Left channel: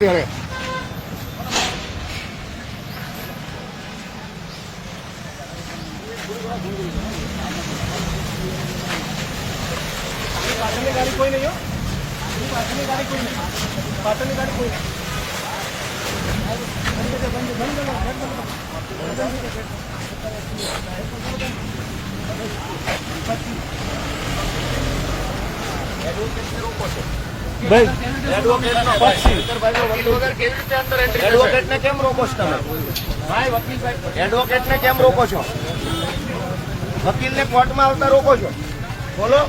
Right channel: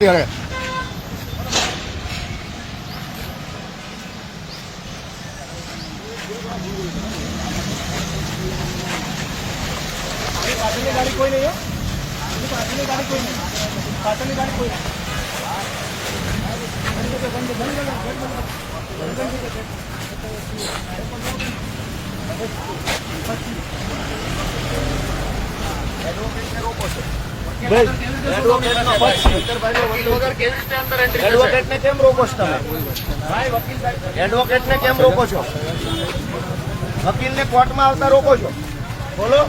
गाड़ी कोई नहीं है गाड़ी कोई नहीं पाटन गाड़ी कोई नहीं बंद बंद बंद बंद रोको એડવોકેટને કેમ રોકો છો તમે? એડવોકેટને કેમ રોકો છો? વકીલને કોર્ટમાં આવતા રોકો છો? બોલો.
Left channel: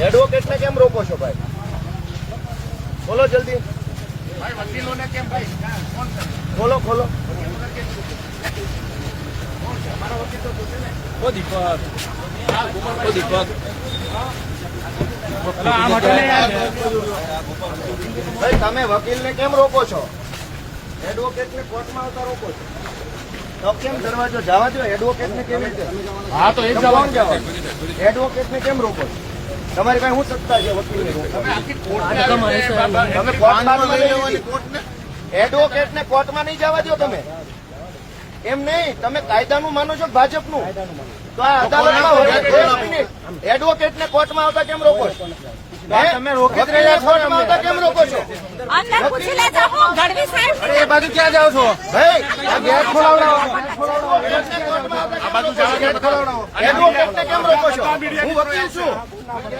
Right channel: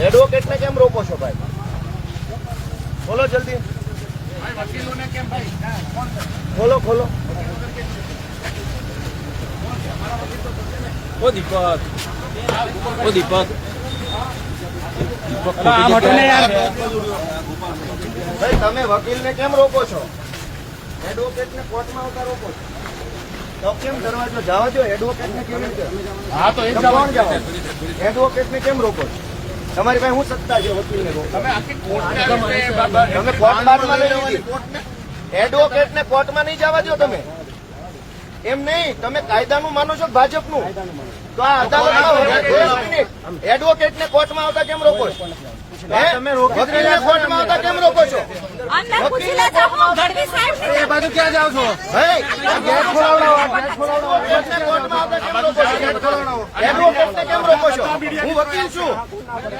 એડવોકેટને કેમ રોકો છો ભાઈ? બોલો જલ્દી. ખોલો ખોલો ભાઈ તમે વકીલને કેમ રોકો છો? એડવોકેટને કોર્ટમાં આવતા રોકો છો? તો કેમ દરવાજો જવા દો એડવોકેટને કેમ હા તો કોણ જવા એડવોકેટને કેમ રોકો છો? તમારી પાસે શું સત્તા છે વકીલને રોકો તમે કોર્ટ બાદમાં લઈ લીધી. એડવોકેટને કોર્ટમાં નહીં જવા દો તમે. એમ નહીં તમે કાયદાનું માનો છો ભાજપનું? તો આ અદાલતમાં એડવોકેટને કોર્ટમાં આવતા કેમ રોકો છો? વકીલને કોર્ટમાં આવતા કેમ રોકો છો? અંદર પૂછી લેજો હું ગઢવી સાહેબ એ બાજુ ક્યાં જાઓ છો? ભાઈ આ ગેટ ખોલાવડાવો આ એડવોકેટને કેમ રોકો છો? એડવોકેટને કેમ રોકો છો? હું વકીલ છું.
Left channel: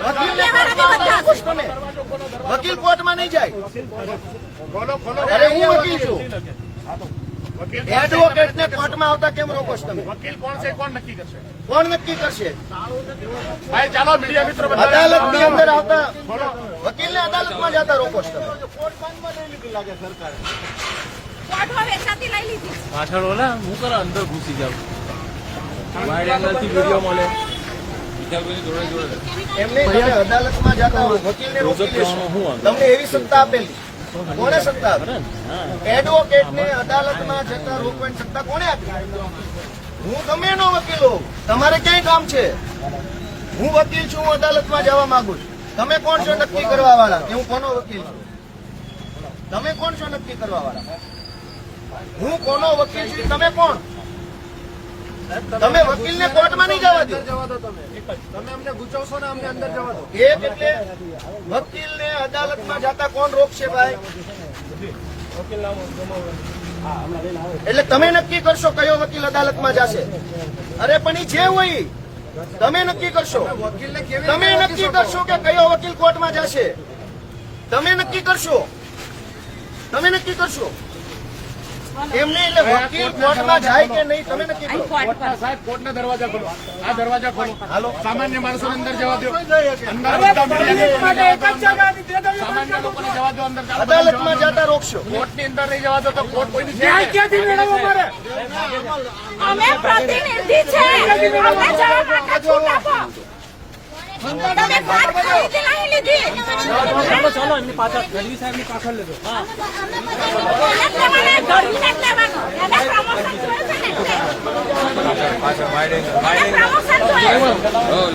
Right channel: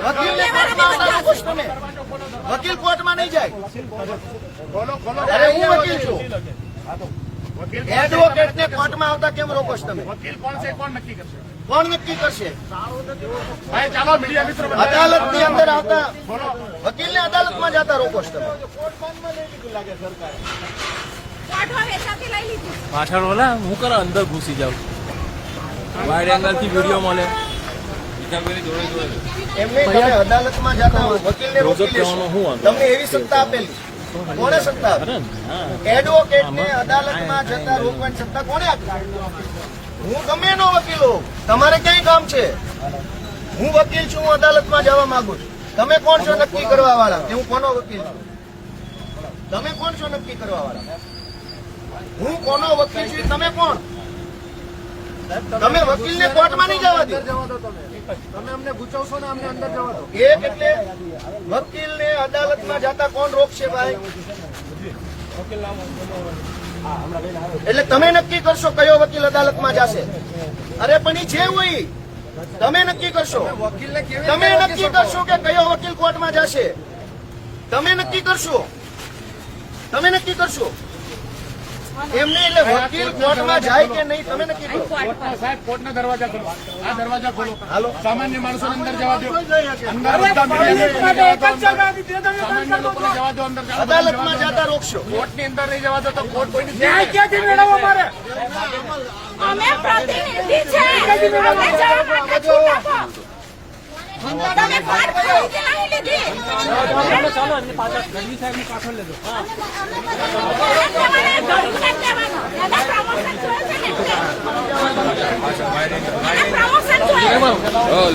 વકીલને કોર્ટમાં આવતા તમે? વકીલ કોર્ટમાં નહીં જાય. અરે હું વકીલ છું. એડવોકેટને કોર્ટમાં આવતા કેમ રોકો છો તમે? કોણ છે કોણ નક્કી કરશે? કોણ નક્કી કરશે? ભાઈ ચાલો મીડિયા મિત્રો અદાલતની અંદર આવતા વકીલને અદાલતમાં જતા રોકો છો તમે? પાછળ ને હું કરે અંદર ઘૂસી જાઉં. વીડિયો મળે. એમને અદાલતમાં જતા વકીલને રોકી લેશો. તમને એવી સત્તા આપેલી. કોને સત્તા એડવોકેટને અદાલતમાં જતા રોકવાની સત્તા કોને આપી? હું ગમે એનો વકીલ તમારે ક્યાંય કામ છે? હું વકીલ છું, હું અદાલતમાં જવા માંગુ છું. તમે કોણ છો નક્કી કરવા વાળા હું કોનો વકીલ છું? તમે કોણ છો નક્કી કરવા વાળા હું કોનો વકીલ છું? તમે કોણ? તમે વકીલને કોર્ટમાં નહીં જવા દો જવા દો તમે. તમે અમને ગુચવશો ને અમને અંદર જવા દો. એક એટલે વકીલને અદાલતમાં જતા કોણ રોકશે ભાઈ? એટલે તમે નક્કી કરશો કયો વકીલ અદાલતમાં જશે? અરે પણ એ જે હોય તમે નક્કી કરશો. તમે નક્કી કરશો કે કયો વકીલ કોર્ટમાં જશે? તમે નક્કી કરશો. તમે નક્કી કરશો. એમને એટલે વકીલ કોર્ટમાં જાય કે નહીં તમે નક્કી કરો કોર્ટના સાહેબ કોર્ટના દરવાજા ખોલો. આ દરવાજા ખોલો. હાલો. સામાન્ય માણસો અંદર જવા દો. અદાલતમાં જતા રોકશો. કોર્ટની અંદર નહીં જવા દો તો કોર્ટ કોઈની ક્યાંથી મેળવવો મારે? અમે પ્રતિનિધિ છે. ચાલો એમની પાછળ સાહેબની પાછળ લેજો. Oh.